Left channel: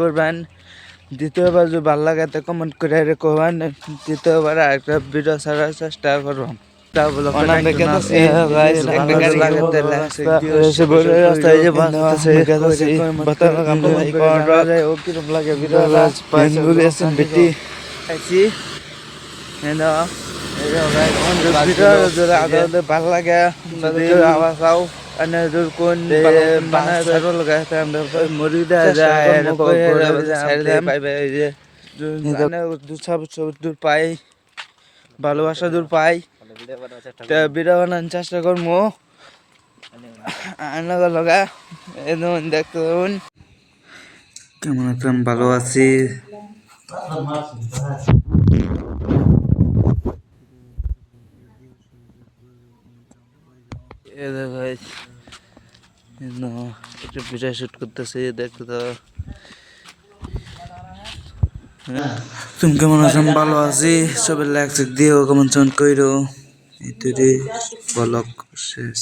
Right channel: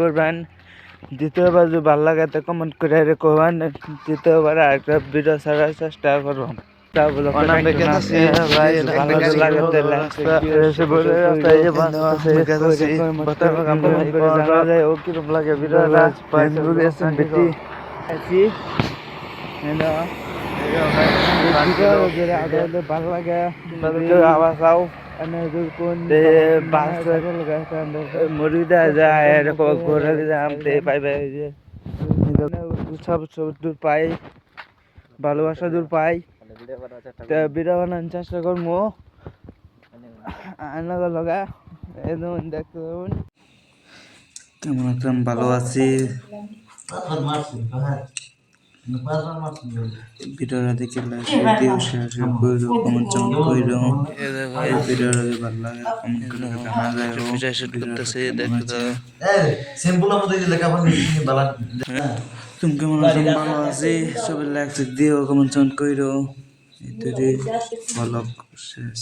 করবেন। দ্বিতীয়বার যদি ভালো লাগে তো কমেন্ট করে করবেন, তৃতীয়বার আরেকটা ভিডিও ছাড়ার চেষ্টা করবো। ভালো লাগে আবার চাও মরি দূর পাই, ভালোবাসা দূর পাই, ভিডিও বানানোর চেষ্টা করবো। লগা দেখতে কেমন আছেন? ভালো আছি। ভিডিওটা দেখে লাইক দিও, শেয়ার করো, কমেন্ট করো। ভিডিওটা যদি ভালো লাগে কমেন্ট করে জানাও। ভিডিও শুট করতেছি দেখতে দাও। তুমি কেমন আছেন? ভালো আছি। সবাই লাইক দিও, কমেন্ট করো। এটাই ব্লগ শেষ।